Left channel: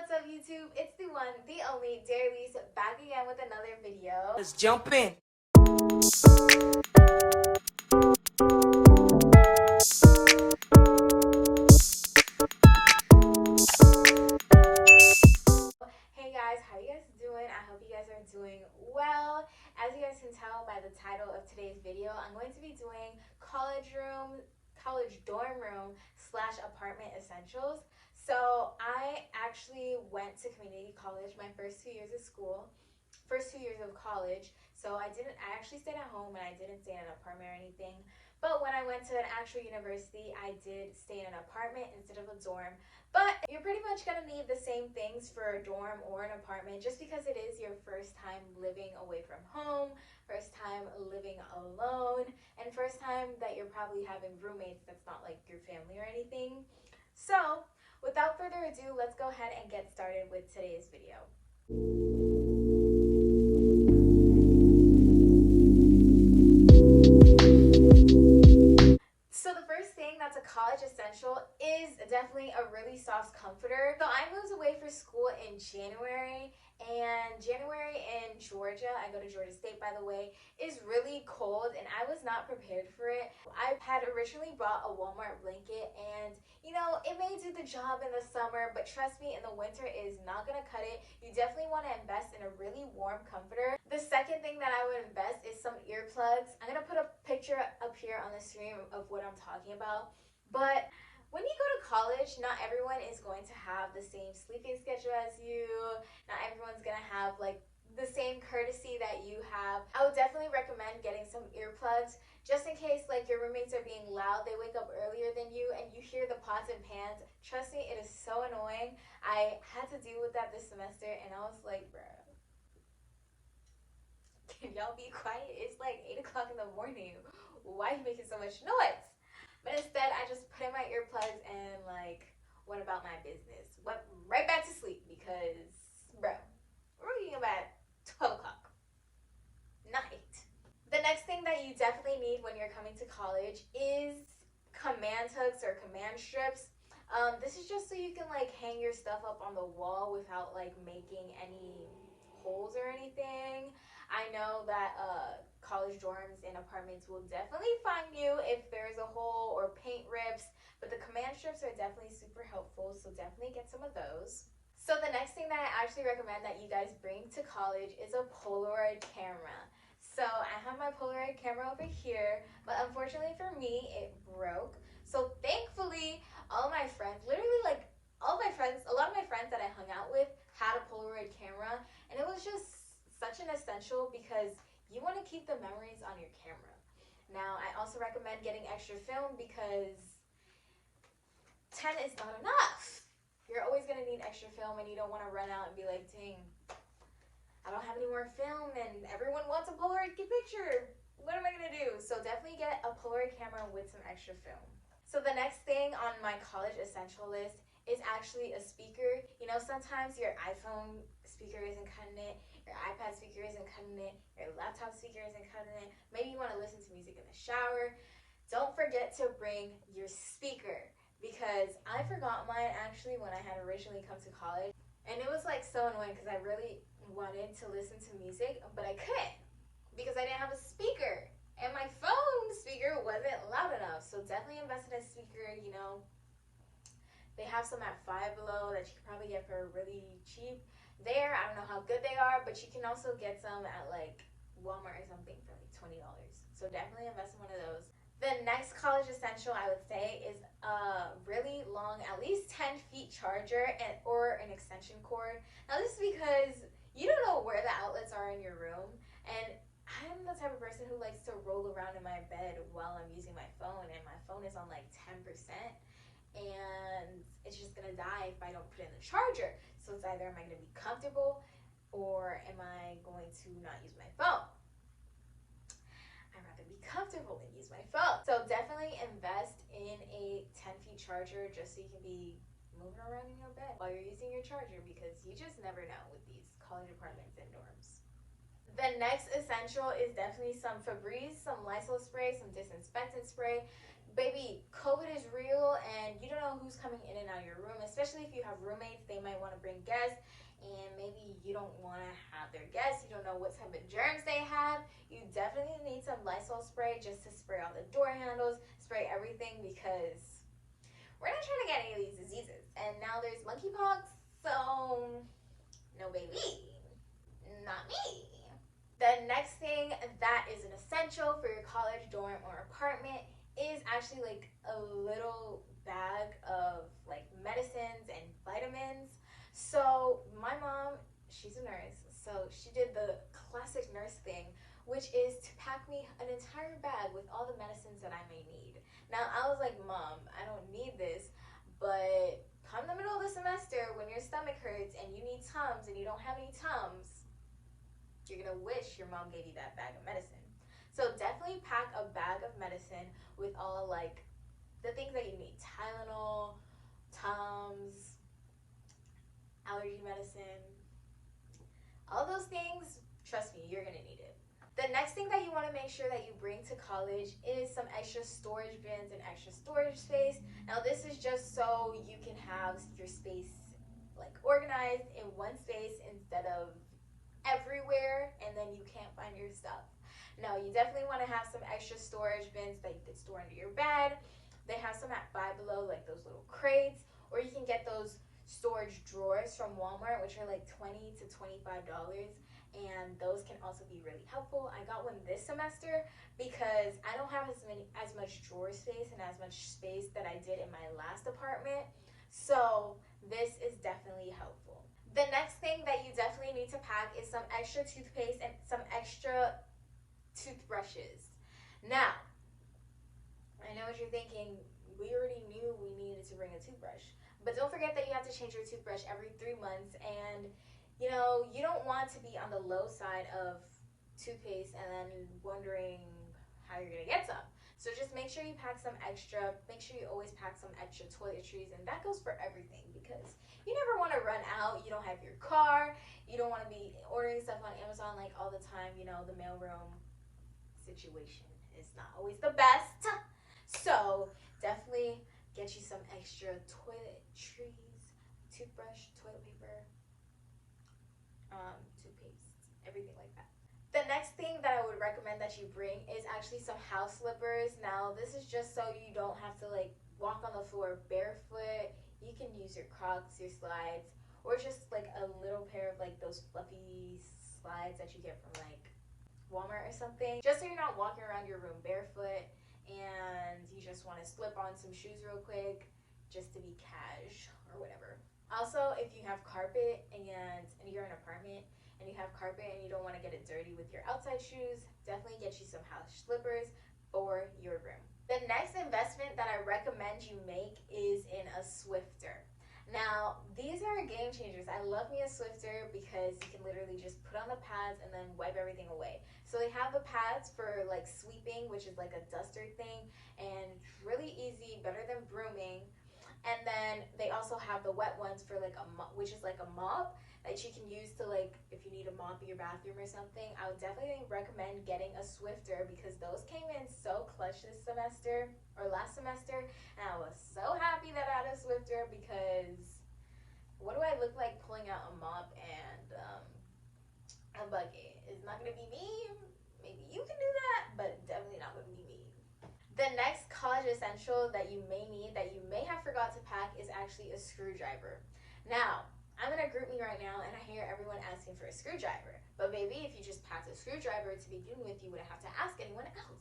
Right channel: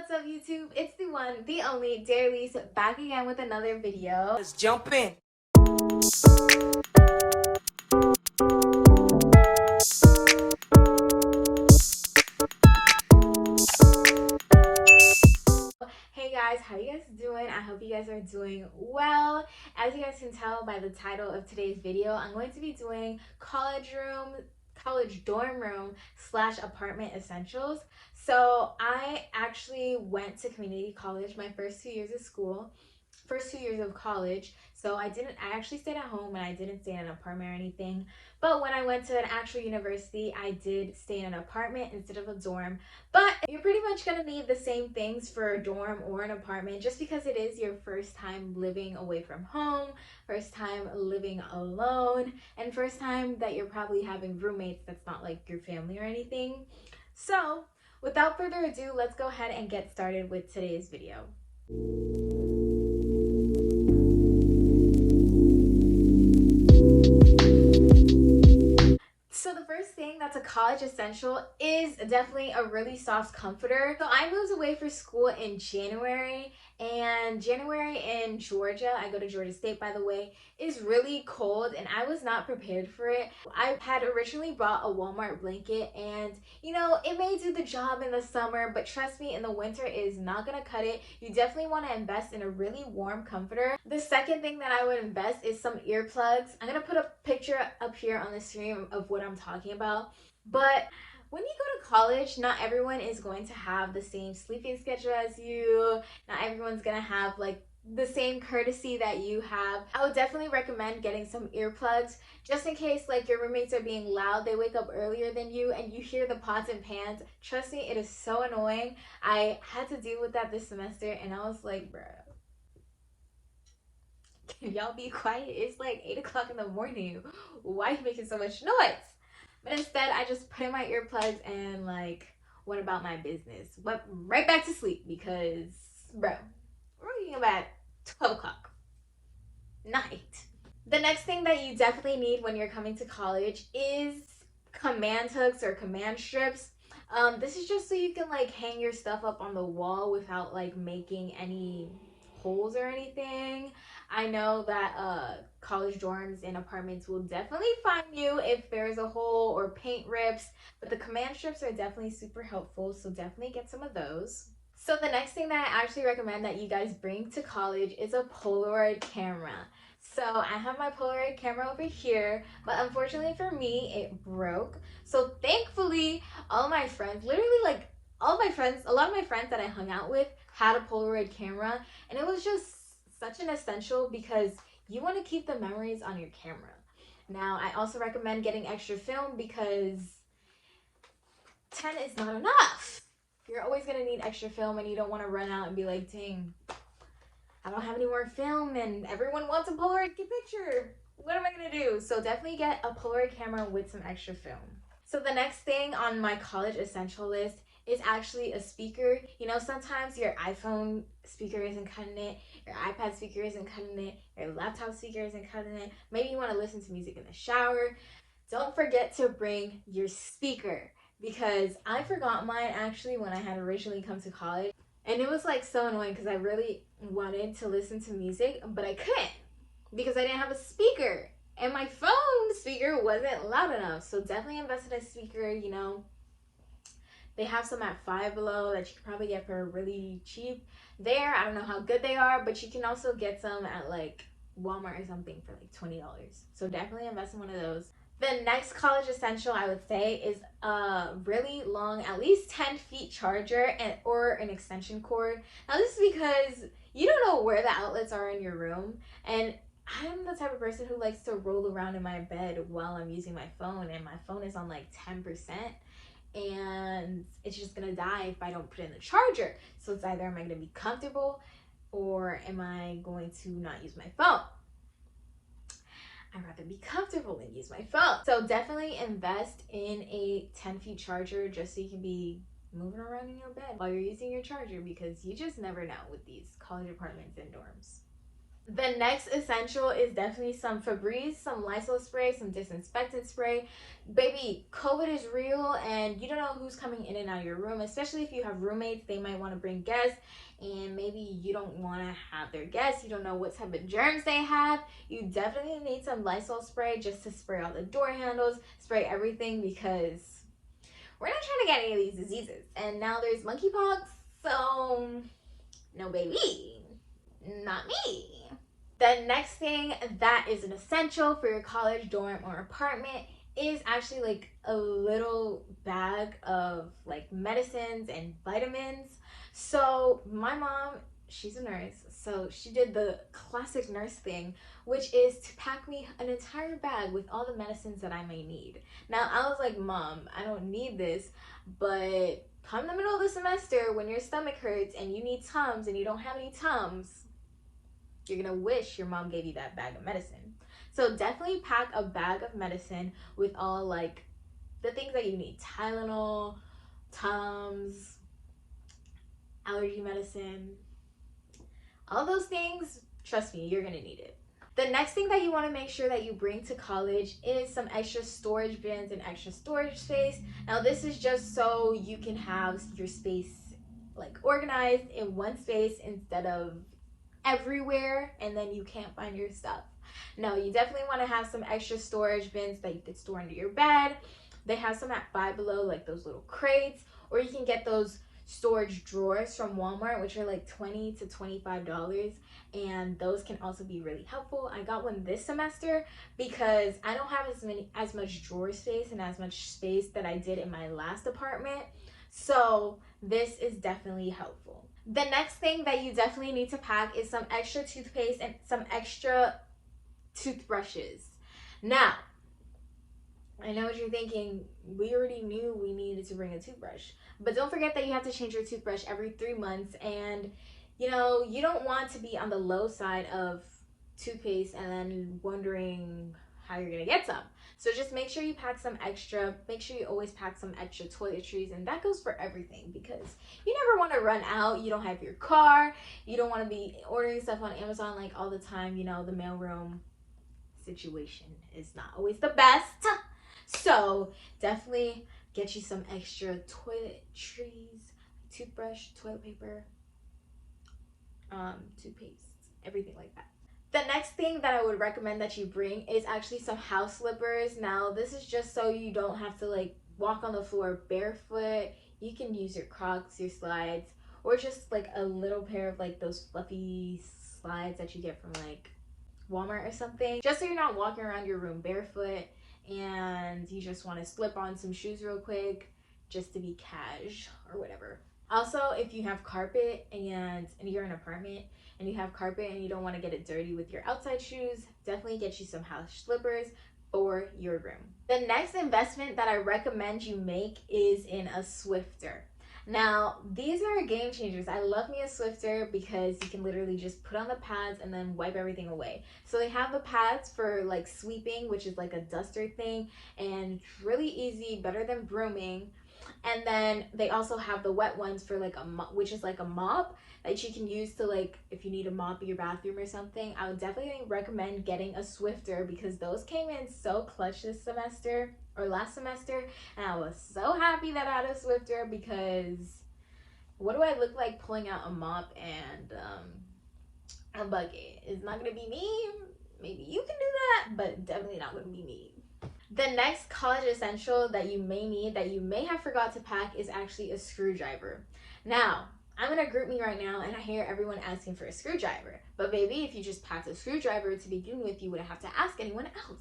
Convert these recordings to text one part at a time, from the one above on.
what's up YouTube? It's the one, the only Dairylise back again with another video. Let's jump in. Hey guys, how you guys doing? I hope you guys are doing well. As you guys can tell by the title of today's video, I'm going to be doing college dorm room slash apartment essentials. So I actually went to community college my first 2 years of school, first 2 years of college. So I actually stayed at home and I didn't stay in an apartment or anything. But when I went to an actual university, I did stay in an apartment instead of a dorm. But you're pretty much gonna need the same things for a dorm or an apartment just because it is your first time living away from home, first time living alone, and first time that you're probably having roommates that's not like your family or anything. So without further ado, let's go ahead and get started with today's video. So the first thing that's a college essential is definitely a really soft comforter. So I moved away for school in January, and January in Georgia, I go to Georgia State by the way, is really cold and I was not prepared for it. I had originally bought a Walmart blanket and you know, it may do the job in the summer, but trust me, in the winter it is not gonna cut it. You definitely want to invest in a really warm comforter. The second thing that I would invest is some earplugs. I'm gonna put a picture up here on the screen of what I'm talking about. But when you go to college, not everyone is going to have the same sleeping schedule as you. Not everyone's gonna have like the same courtesy that you have. I would definitely recommend getting some earplugs just in case like your roommates are being loud, they wake up earlier than you and you hear the pots and pans. Trust me, it is so annoying. I had to deal with that this semester and I was like, bruh, can y'all be quiet? It's like 8 o'clock in the morning. Why are you making so much noise? But instead, I just put in my earplugs and like went about my business. Went right back to sleep because, bro, we're waking up at 12 o'clock night. The next thing that you definitely need when you're coming to college is command hooks or command strips. This is just so you can like hang your stuff up on the wall without like making any holes or anything. I know that college dorms and apartments will definitely find you if there's a hole or paint rips, but the command strips are definitely super helpful, so definitely get some of those. So the next thing that I actually recommend that you guys bring to college is a Polaroid camera. So I have my Polaroid camera over here, but unfortunately for me, it broke. So thankfully, all of my friends, literally like all of my friends, a lot of my friends that I hung out with had a Polaroid camera, and it was just such an essential because you want to keep the memories on your camera. Now, I also recommend getting extra film because 10 is not enough. You're always going to need extra film and you don't want to run out and be like, dang, I don't have any more film and everyone wants a Polaroid picture. What am I going to do? So definitely get a Polaroid camera with some extra film. So the next thing on my college essential list is actually a speaker. You know, sometimes your iPhone speaker isn't cutting it, your iPad speaker isn't cutting it, your laptop speaker isn't cutting it. Maybe you want to listen to music in the shower. Don't forget to bring your speaker because I forgot mine actually when I had originally come to college. And it was like so annoying because I really wanted to listen to music, but I couldn't because I didn't have a speaker. And my phone speaker wasn't loud enough. So definitely invest in a speaker, you know. They have some at Five Below that you could probably get for really cheap there. I don't know how good they are, but you can also get some at like Walmart or something for like $20. So definitely invest in one of those. The next college essential I would say is a really long, at least 10 feet charger or an extension cord. Now this is because you don't know where the outlets are in your room, and I'm the type of person who likes to roll around in my bed while I'm using my phone, and my phone is on like 10%, and it's just gonna die if I don't put in the charger. So it's either am I gonna be comfortable or am I going to not use my phone? I'd rather be comfortable than use my phone. So definitely invest in a 10 feet charger just so you can be moving around in your bed while you're using your charger because you just never know with these college apartments and dorms. The next essential is definitely some Febreze, some Lysol spray, some disinfectant spray. Baby, COVID is real and you don't know who's coming in and out of your room, especially if you have roommates. They might want to bring guests and maybe you don't want to have their guests. You don't know what type of germs they have. You definitely need some Lysol spray just to spray all the door handles, spray everything, because we're not trying to get any of these diseases. And now there's monkeypox, so no baby, not me. The next thing that is an essential for your college dorm or apartment is actually like a little bag of like medicines and vitamins. So my mom, she's a nurse, so she did the classic nurse thing, which is to pack me an entire bag with all the medicines that I may need. Now I was like, Mom, I don't need this, but come the middle of the semester when your stomach hurts and you need Tums and you don't have any Tums, you're gonna wish your mom gave you that bag of medicine. So definitely pack a bag of medicine with all like the things that you need: Tylenol, Tums, allergy medicine, all those things. Trust me, you're gonna need it. The next thing that you want to make sure that you bring to college is some extra storage bins and extra storage space. Now this is just so you can have your space like organized in one space instead of everywhere and then you can't find your stuff. No, you definitely want to have some extra storage bins that you could store under your bed. They have some at Five Below, like those little crates, or you can get those storage drawers from Walmart, which are like $20 to $25, and those can also be really helpful. I got one this semester because I don't have as much drawer space and as much space that I did in my last apartment, so this is definitely helpful. The next thing that you definitely need to pack is some extra toothpaste and some extra toothbrushes. Now, I know what you're thinking, we already knew we needed to bring a toothbrush, but don't forget that you have to change your toothbrush every 3 months, and you know, you don't want to be on the low side of toothpaste and then wondering how you're gonna get some. So just make sure you pack some extra. Make sure you always pack some extra toiletries, and that goes for everything because you never want to run out. You don't have your car. You don't want to be ordering stuff on Amazon like all the time. You know, the mailroom situation is not always the best. So definitely get you some extra toiletries, toothbrush, toilet paper, toothpaste, everything like that. The next thing that I would recommend that you bring is actually some house slippers. Now, this is just so you don't have to like walk on the floor barefoot. You can use your Crocs, your slides, or just like a little pair of like those fluffy slides that you get from like Walmart or something. Just so you're not walking around your room barefoot and you just want to slip on some shoes real quick just to be cash or whatever. Also, if you have carpet and you're in an apartment and you have carpet and you don't want to get it dirty with your outside shoes, definitely get you some house slippers for your room. The next investment that I recommend you make is in a Swiffer. Now, these are game changers. I love me a Swiffer because you can literally just put on the pads and then wipe everything away. So they have the pads for like sweeping, which is like a duster thing, and really easy, better than brooming. And then they also have the wet ones for like a mop, which is like a mop that you can use to like if you need to mop your bathroom or something. I would definitely recommend getting a Swiffer because those came in so clutch this semester or last semester, and I was so happy that I had a Swiffer because what do I look like pulling out a mop and a bucket? It's not gonna be me. Maybe you can do that, but definitely not gonna be me. The next college essential that you may need that you may have forgot to pack is actually a screwdriver. Now, I'm in a group meet right now and I hear everyone asking for a screwdriver. But baby, if you just packed a screwdriver to begin with, you wouldn't have to ask anyone else.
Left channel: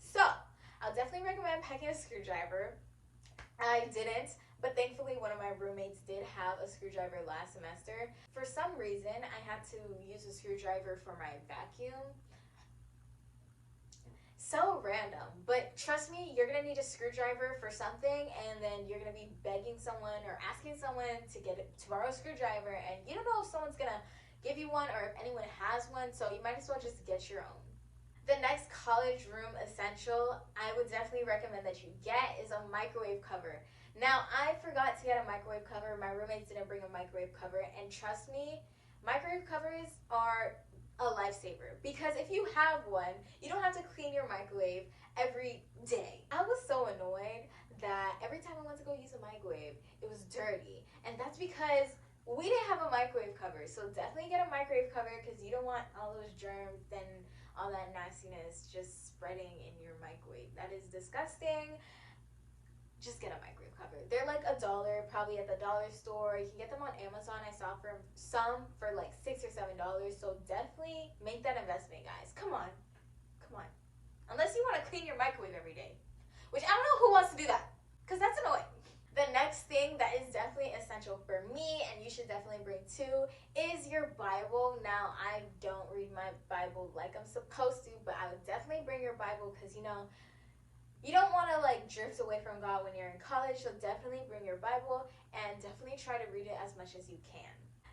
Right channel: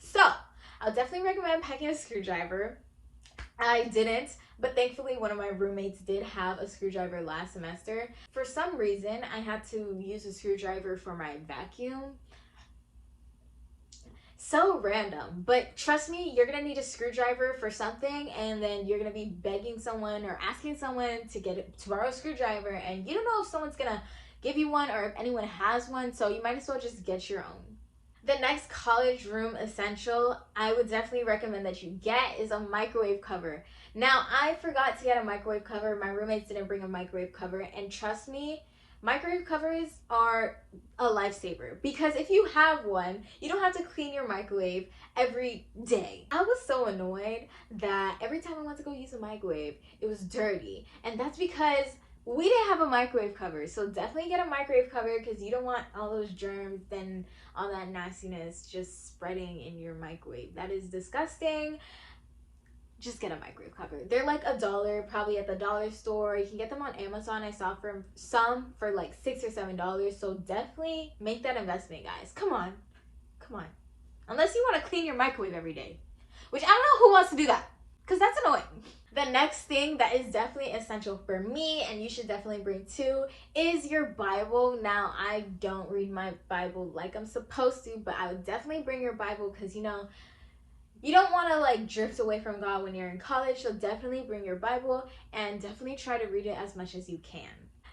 So, I'll definitely recommend packing a screwdriver. I didn't, but thankfully one of my roommates did have a screwdriver last semester. For some reason, I had to use a screwdriver for my vacuum. So random, but trust me, you're gonna need a screwdriver for something, and then you're gonna be begging someone or asking someone to borrow a screwdriver, and you don't know if someone's gonna give you one or if anyone has one, so you might as well just get your own. The next college room essential I would definitely recommend that you get is a microwave cover. Now, I forgot to get a microwave cover. My roommates didn't bring a microwave cover, and trust me, Microwave covers are a lifesaver because if you have one, you don't have to clean your microwave every day. I was so annoyed that every time I went to go use a microwave, it was dirty. And that's because we didn't have a microwave cover. So definitely get a microwave cover because you don't want all those germs and all that nastiness just spreading in your microwave. That is disgusting. Just get a microwave cover. They're like $1, probably at the dollar store. You can get them on Amazon. I saw from some for like $6 or $7. So definitely make that investment, guys. Come on. Come on. Unless you want to clean your microwave every day. Which I don't know who wants to do that. Because that's annoying. The next thing that is definitely essential for me, and you should definitely bring too, is your Bible. Now, I don't read my Bible like I'm supposed to, but I would definitely bring your Bible because, you know, you don't want to like drift away from God when you're in college, so definitely bring your Bible and definitely try to read it as much as you can.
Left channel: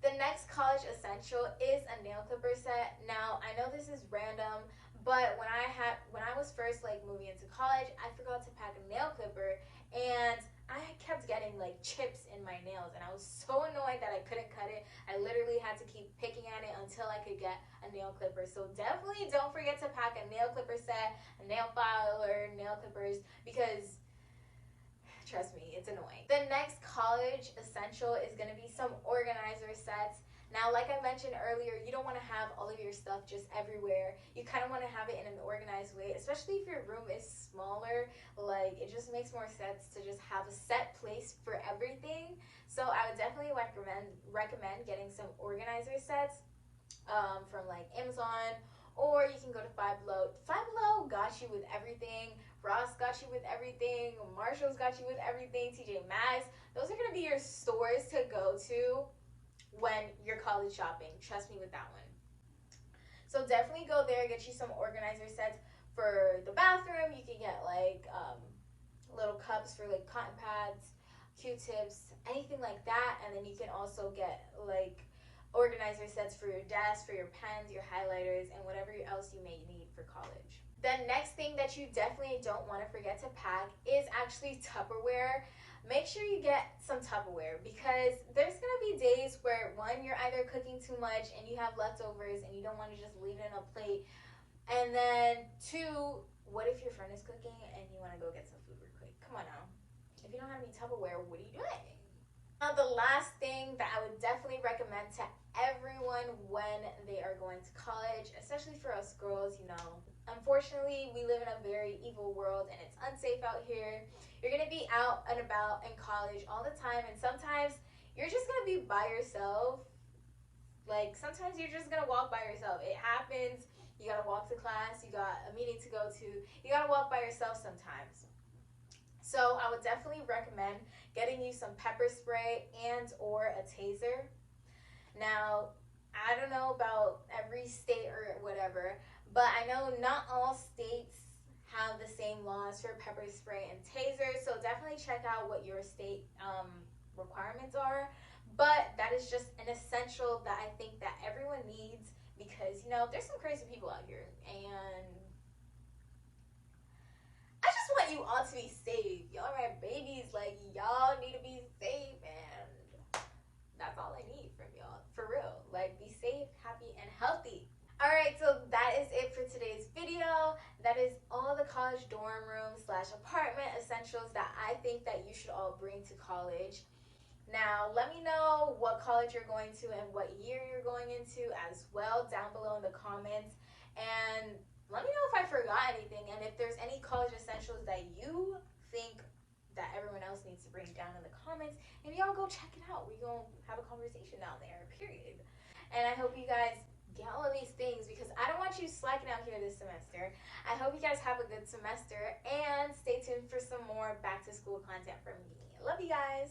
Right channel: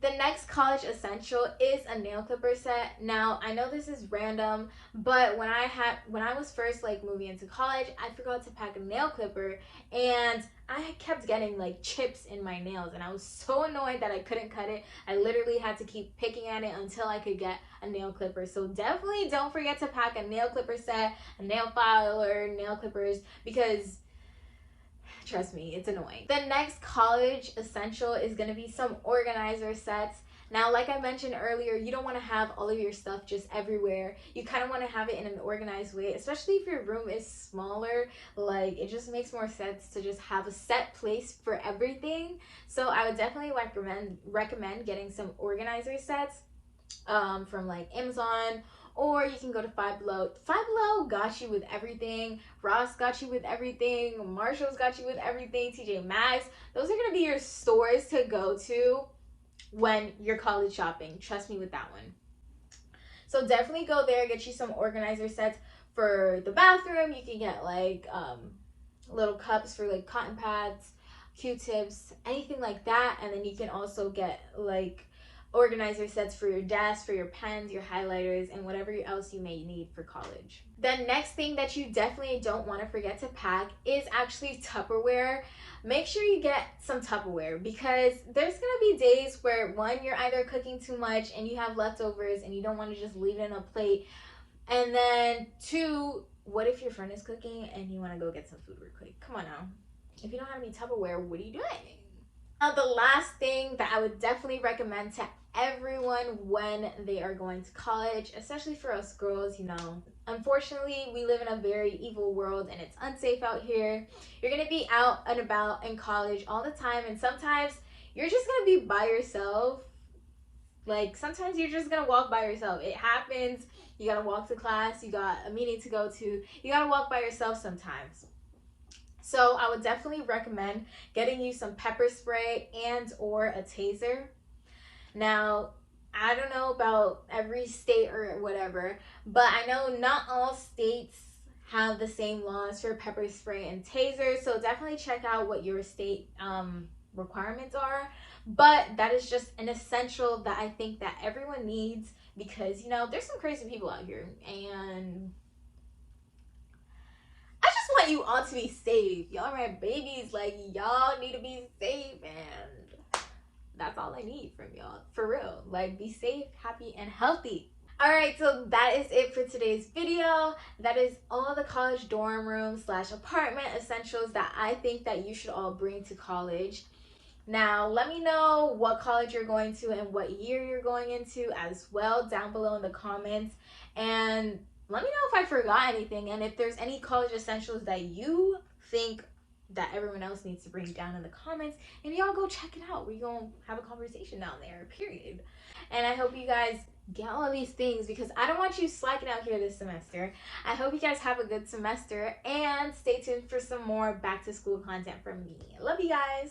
The next college essential is a nail clipper set. Now, I know this is random, but when I was first like moving into college, I forgot to pack a nail clipper and I kept getting like chips in my nails and I was so annoyed that I couldn't cut it. I literally had to keep picking at it until I could get a nail clipper. So definitely don't forget to pack a nail clipper set, a nail file or nail clippers because trust me, it's annoying. The next college essential is going to be some organizer sets. Now, like I mentioned earlier, you don't want to have all of your stuff just everywhere. You kind of want to have it in an organized way, especially if your room is smaller. Like, it just makes more sense to just have a set place for everything. So I would definitely recommend getting some organizer sets from like Amazon, or you can go to Five Below. Five Below got you with everything. Ross got you with everything. Marshall's got you with everything. TJ Maxx. Those are going to be your stores to go to when you're college shopping. Trust me with that one. So definitely go there. Get you some organizer sets for the bathroom. You can get like little cups for like cotton pads, Q-tips, anything like that. And then you can also get like organizer sets for your desk, for your pens, your highlighters, and whatever else you may need for college. The next thing that you definitely don't want to forget to pack is actually Tupperware. Make sure you get some Tupperware because there's going to be days where one, you're either cooking too much and you have leftovers and you don't want to just leave it in a plate. And then two, what if your friend is cooking and you want to go get some food real quick? Come on now. If you don't have any Tupperware, what are you doing? The last thing that I would definitely recommend to everyone when they are going to college, especially for us girls, you know, unfortunately we live in a very evil world and it's unsafe out here. You're going to be out and about in college all the time, and sometimes you're just going to be by yourself. Like, sometimes you're just going to walk by yourself. It happens. You got to walk to class, you got a meeting to go to, you got to walk by yourself sometimes. So I would definitely recommend getting you some pepper spray and or a taser. Now, I don't know about every state or whatever, but I know not all states have the same laws for pepper spray and taser. So definitely check out what your state requirements are. But that is just an essential that I think that everyone needs because, you know, there's some crazy people out here and want you all to be safe. Y'all are my babies. Like, y'all need to be safe, and that's all I need from y'all. For real. Like, be safe, happy, and healthy. Alright, so that is it for today's video. That is all the college dorm room / apartment essentials that I think that you should all bring to college. Now, let me know what college you're going to and what year you're going into as well down below in the comments. And let me know if I forgot anything and if there's any college essentials that you think that everyone else needs to bring down in the comments. And y'all go check it out. We're going to have a conversation down there, period. And I hope you guys get all of these things because I don't want you slacking out here this semester. I hope you guys have a good semester and stay tuned for some more back to school content from me. I love you guys.